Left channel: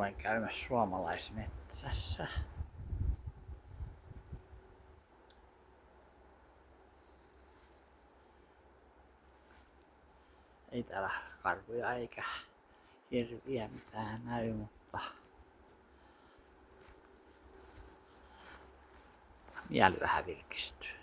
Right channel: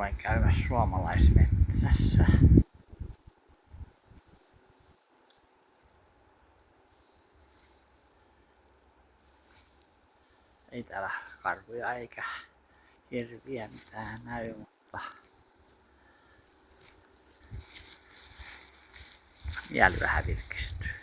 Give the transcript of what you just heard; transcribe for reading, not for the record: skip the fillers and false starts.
Olen käymässä suomalaismetsässä. Ei täällä karhuja eikä hirviä mitään näy, mutta mieli vähän virkistyy.